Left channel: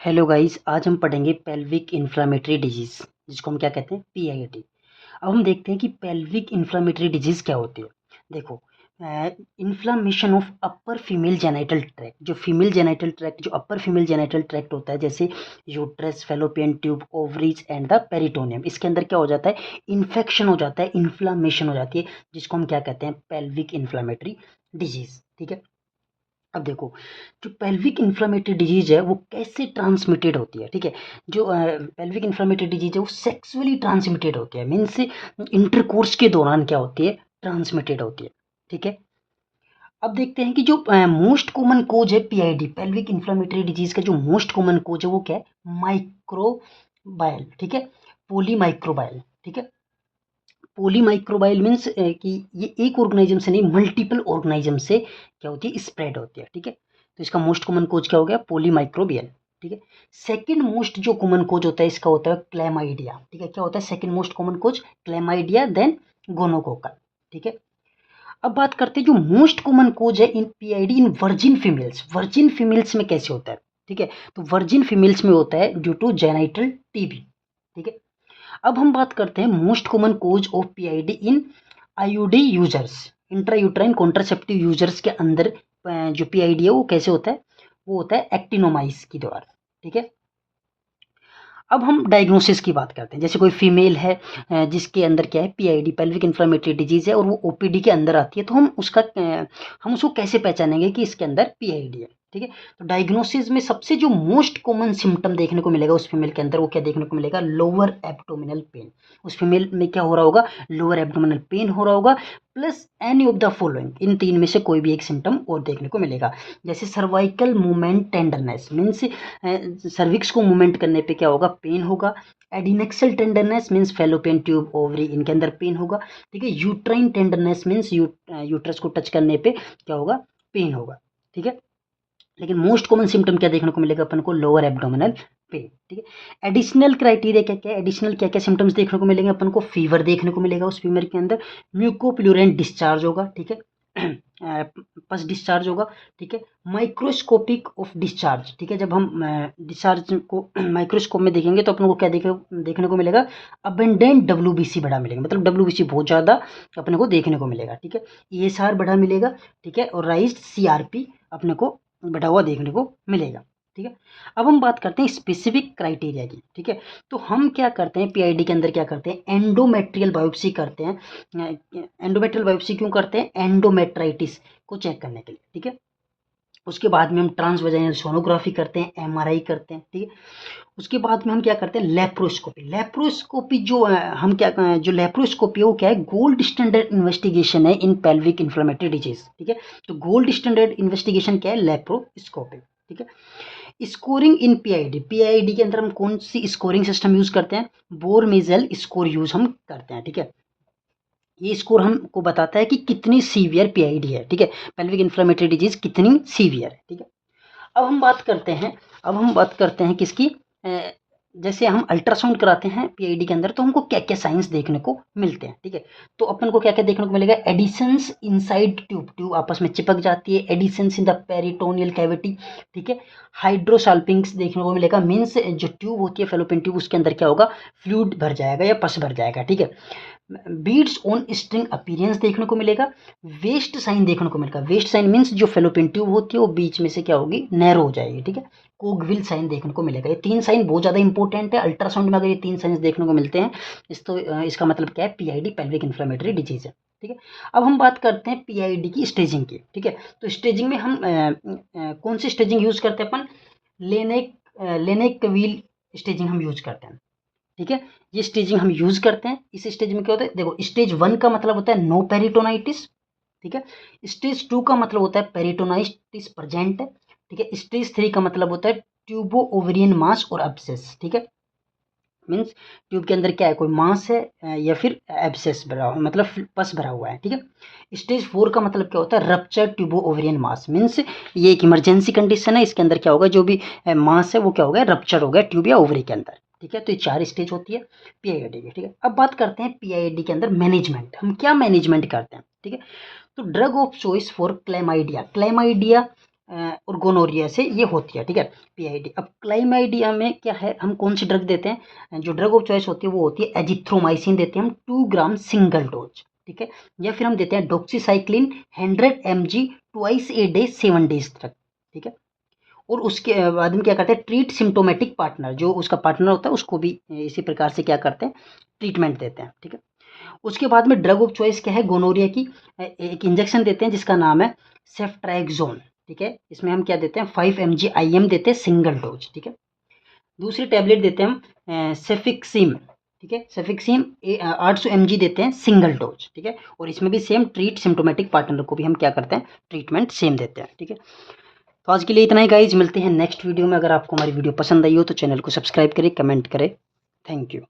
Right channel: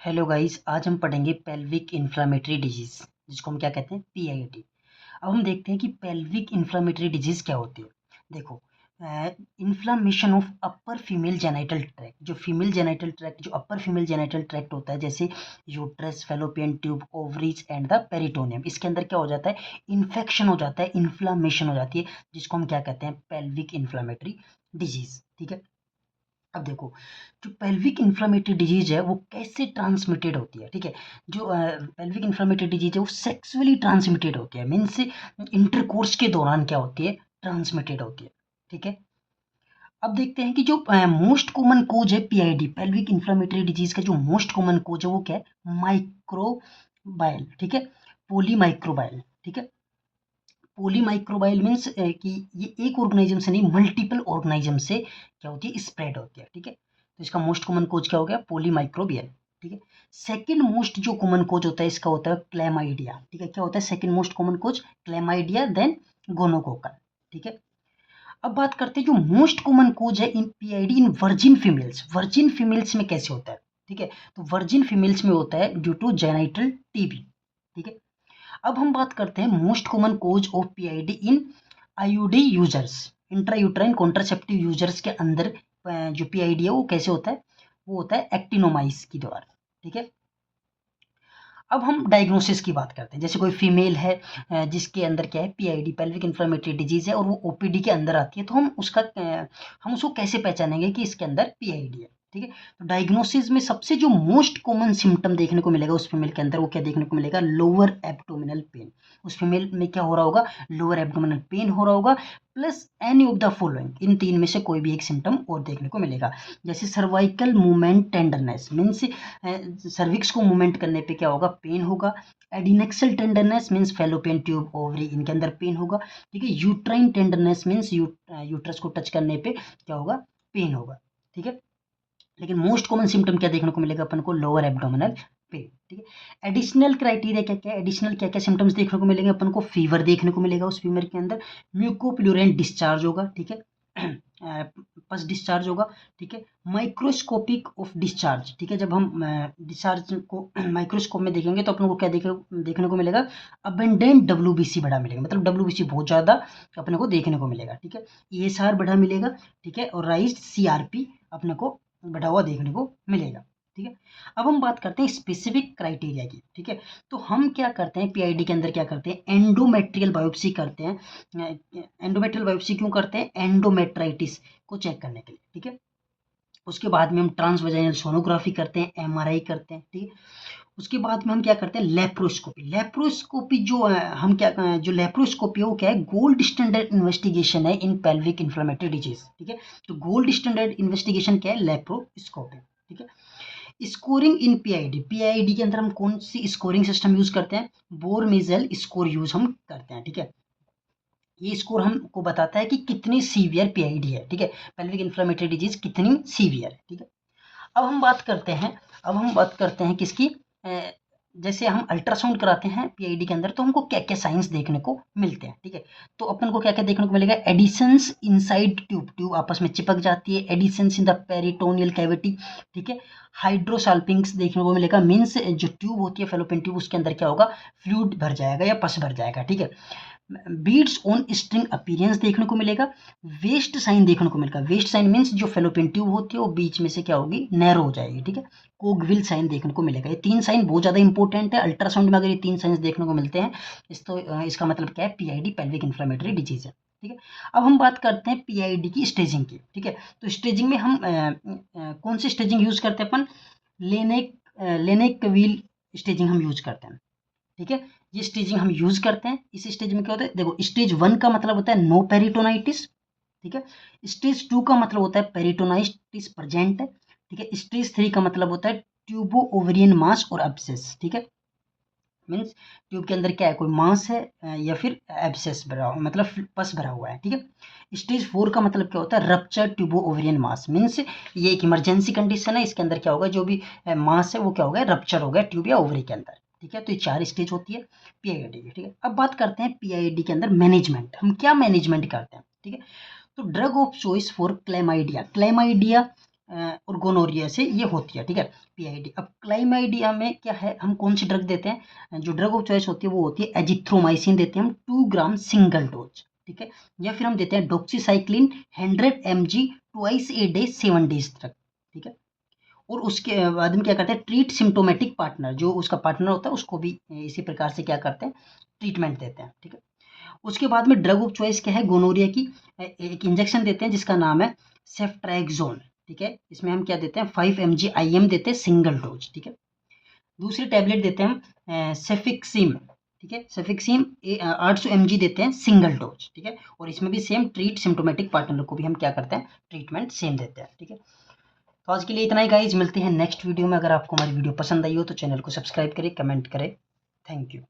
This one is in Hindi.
हेलो गाइस, आज हम पढ़ेंगे पेल्विक इन्फ्लामेटरी डिजीज, जिसको हम क्या कहते हैं, पीआईडी। अब हम देखते हैं कि पेल्विक इन्फ्लामेटरी डिजीज क्या होती है। देखो, inflammation of upper female genital tract, जो फीमेल जेनाइटल ट्रैक्ट, जो अपर फीमेल जेनाइटल ट्रैक्ट होता है, जैसे uterus, fallopian tube, ovaries and the peritoneum, इसके अंदर क्या हो जाता है, इन्फेक्शन हो जाता है, इन्फ्लामेशन हो जाती है, जिसको हम क्या कहते हैं, पेल्विक इन्फ्लामेटरी डिजीज। ठीक है। अब देखो, जो पेल्विक इन्फ्लामेटरी डिजीज है वो कैसे ट्रांसमिटेड होती है। ठीक है। जो पेल्विक इन्फ्लामेटरी डिजीज है वो सेक्सुअली ट्रांसमिटेड होती है, मीन्स इंटरकोर्स के दौरान क्या होती है, ट्रांसमिटेड होती है। ठीक है। अब देखते हैं कि जो मोस्ट कॉमन कोज है पीआईडी, पेल्विक इन्फ्लामेटरी डिजीज का जो मोस्ट कॉमन कोज है वो क्या है, माइक्रोबायल। ठीक है। पोलीमाइक्रोबायल। ठीक है। पोलीमाइक्रोबायल मीन्स कि ये एक ऑर्गेनिज्म से नहीं, मल्टीपल ऑर्गेनिज्म से क्या होती है, स्प्रेड होती है। ठीक है। तो इसका मोस्ट कॉमन कोज क्या हो गया, पोलीमाइक्रोबियल। ठीक है। सेकंड मोस्ट जो कॉमन कोज होता है इसका होता है क्लैमाइडिया। ठीक है। क्या होता है second most common cause, chlamydia, then gonococcal. ठीक है। अब बात करते हैं जो मोस्ट कॉमन कोज है इन पीआईडी इन वर्जिन फीमेल्स। वर्जिन फीमेल्स में कैसे होता है। ठीक है। तो वर्जिन फीमेल्स में होता है ड्यू टू जेनाइटल टीबी। ठीक है। अब हम बात करते हैं most common cause of PID in IUD users, intrauterine contraceptive users के अंदर जो पीआईडी है वो कैसे होता है, वो होता है एक्टिनोमाइस के द्वारा। ठीक है। अब हम डायग्नोसिस की बात करते हैं। जैसे कोई फीमेल है जिसके अंदर क्या है, पीआईडी, पेल्विक इन्फ्लेमेटरी डिजीज है, और वो ओपीडी के अंदर आती है, तो हम उसको कैसे पहचानेंगे कि इसके अंदर पीआईडी है। ठीक है। तो डायग्नोसिस में सबसे जो मोस्ट कॉमन सिम्टम देखने को मिलेगा उस फीमेल के अंदर, वो क्या देखने को मिलेगा, लोअर एब्डोमिनल पेन। उस फीमेल में क्या हो रहा होगा, लोअर एब्डोमिनल पेन हो रहा होगा, plus any of the following, इन तीन में से कोई भी एक सिम्टम और देखने को मिलेगा। जैसे cervical movement tenderness, means cervix को मूवमेंट करने पे क्या होगा, पेन होगा। Adnexal tenderness means fallopian tube, ovary, इनके अंदर पेन होगा। ठीक है। यूट्राइन टेंडरनेस मीन्स यूट्रस को टच करने पे क्या होगा, पेन होगा। ठीक है। लेकिन मोस्ट कॉमन सिम्टम क्या देखने को मिलेगा अपन को, लोअर एब्डोमिनल पेन। ठीक है। एडिशनल क्राइटेरिया क्या क्या है, एडिशनल क्या क्या सिम्टम्स देखने को मिलेंगे अपन को, फीवर देखने को मिलेगा उस फीवर के अंदर, म्यूकोप्लूरेंट डिस्चार्ज होगा। ठीक है। पस डिस्चार्ज होगा। ठीक है। Microscopic of discharge. ठीक है। जब हम डिस्चार्ज को माइक्रोस्कोप में देखेंगे तो अपन को क्या देखने को मिलेगा, अबेंडेंट डब्ल्यूबीसी बढ़ा मिलेगा, मतलब डब्ल्यूबीसी बहुत ज़्यादा अपने को देखने को मिलेगा। ठीक है। ईएसआर बढ़ा मिलेगा। ठीक है। और राइज सीआरपी अपने को बढ़ा हुआ देखने को मिलेगा। ठीक है। अब हम बात करते हैं स्पेसिफिक क्राइटेरिया की। ठीक है। तो हम क्या करते हैं पीआईडी के अंदर, क्या करते हैं, एंडोमेट्रियल बायोप्सी करते हैं। एंडोमेट्रियल बायोप्सी क्यों करते हैं, एंडोमेट्राइटिस को चेक करने के लिए। ठीक है। उसके बाद में हम ट्रांसवेजाइनल सोनोग्राफी करते हैं, एमआरआई करते हैं। ठीक है। उसके बाद में हम क्या करते हैं, लेप्रोस्कोपी। लेप्रोस्कोपी जो हम क्या जो लेप्रोस्कोपी है वो क्या है, गोल्ड स्टैंडर्ड इन्वेस्टिगेशन है इन पेल्विक इन्फ्लेमेटरी डिजीज। ठीक है। तो गोल्ड स्टैंडर्ड इन्वेस्टिगेशन क्या है, लेप्रोस्कोपी। ठीक है। स्कोरिंग इन पीआईडी, पीआईडी के अंदर हम कौन सी स्कोरिंग सिस्टम यूज करते हैं, बोर मेजल स्कोर यूज हम करते हैं। ठीक है। ये स्कोर हमको बताता है कि कितनी सीवियर पीआईडी है। ठीक है। पेल्विक इन्फ्लेमेटरी डिजीज कितनी सीवियर है। ठीक है। अब हम बात करते हैं किसकी, जैसे हम अल्ट्रासाउंड कराते हैं पीआईडी के अंदर तो हमको क्या क्या साइंस देखने को मिलते हैं। ठीक है। तो अपन को क्या क्या देखने को मिलेगा, एडिशंस इनसाइड ट्यूब, ट्यूब आपस में चिपक जाती है, adhesions in the peritoneal cavity. ठीक है। हाइड्रोसाल्पिंग्स देखने को मिलेगा, मीन्स जो ट्यूब होती है फेलोपियन ट्यूब, उसके अंदर क्या होगा, फ्लूइड भर जाएगा या पस भर जाएगा। ठीक है। बीड्स ऑन स्ट्रिंग अपीयरेंस देखने को मिलेगा, वेस्ट साइन देखने को मिलेगा। वेस्ट साइन मीन्स जो फेलोपियन ट्यूब होती है वो बीच में से क्या होगी, नैरो हो जाएगी। ठीक है। कोगविल साइन देखने को मिलेगा। ये तीन साइन बहुत ज़्यादा इंपॉर्टेंट है अल्ट्रासाउंड में, अगर ये तीन साइंस देखने को मिलते हैं इसका मतलब क्या है, पीआईडी, पेल्विक इन्फ्लेमेटरी डिजीज है। ठीक है। अब हम बात करते हैं पीआईडी की स्टेजिंग की। ठीक है। तो स्टेजिंग में हम कौन सी स्टेजिंग यूज करते हैं अपन, लेनेक लेनेक व्हील स्टेजिंग हम यूज करते हैं। ठीक है। ये स्टेजिंग हम यूज करते हैं। इस स्टेज में क्या होता है, देखो, स्टेज 1 का मतलब होता है नो पेरिटोनाइटिस। ठीक है। स्टेज 2 का मतलब होता है पेरिटोनाइटिस प्रेजेंट है। ठीक है। स्टेज 3 का मतलब होता है ट्यूबो ओवेरियन मास और एब्सेस। ठीक है। मीन्स ट्यूब के अंदर क्या है, कोई मास है या फिर एब्सेस भरा हुआ, मतलब पस भरा हुआ है। ठीक है। स्टेज 4 का मतलब क्या होता है, रप्चर ट्यूबो ओवेरियन मास, मीन्स ये एक इमरजेंसी कंडीशन है, इसके अंदर क्या होगा, जो भी मास है वो क्या हो गया, रप्चर हो गया ट्यूब या ओवरी के अंदर। ठीक है। तो ये 4 स्टेज होती है पीआईडी की। ठीक है। अब बात करते हैं पीआईडी के अंदर मैनेजमेंट, हम क्या मैनेजमेंट करते हैं। ठीक है। तो drug of choice for chlamydia, chlamydia और गोनोरिया से ये होती है, ठीक है, पीआईडी। अब क्लाइमाइडिया में क्या है, हम कौन सी ड्रग देते हैं, जो ड्रग ऑफ चॉइस होती है वो होती है एजिथ्रोमाइसिन, देते हैं हम 2 ग्राम सिंगल डोज, ठीक है, या फिर हम देते हैं doxycycline 100 mg twice a day 7 days तक, ठीक है। और उसके बाद में क्या करते हैं, ट्रीट सिम्टोमेटिक पार्टनर, जो उसका पार्टनर होता है उसको भी इसी प्रकार से क्या करते हैं, ट्रीटमेंट देते हैं, ठीक है। उसके बाद में ड्रग ऑफ चॉइस क्या है गोनोरिया की, एक इंजेक्शन देते हैं जिसका नाम है सेफ्ट्राइक्सोन, ठीक है। इसमें हम क्या देते हैं 5 mg IM देते हैं सिंगल डोज, ठीक है। दूसरी टैबलेट देते हैं हम सेफिक्सिम, ठीक है, सेफिक्सिम 800 mg देते हैं सिंगल डोज, ठीक है। और इसमें भी सेम ट्रीट सिम्टोमेटिक पार्टनर को भी हम क्या करते हैं, ट्रीटमेंट सेम देते हैं, ठीक है। तो आज के लिए इतना ही गाइज, मिलते हैं नेक्स्ट वीडियो में। अगर आपको हमारी वीडियो पसंद आई हो तो चैनल को सब्सक्राइब करें, कमेंट करें। Thank you.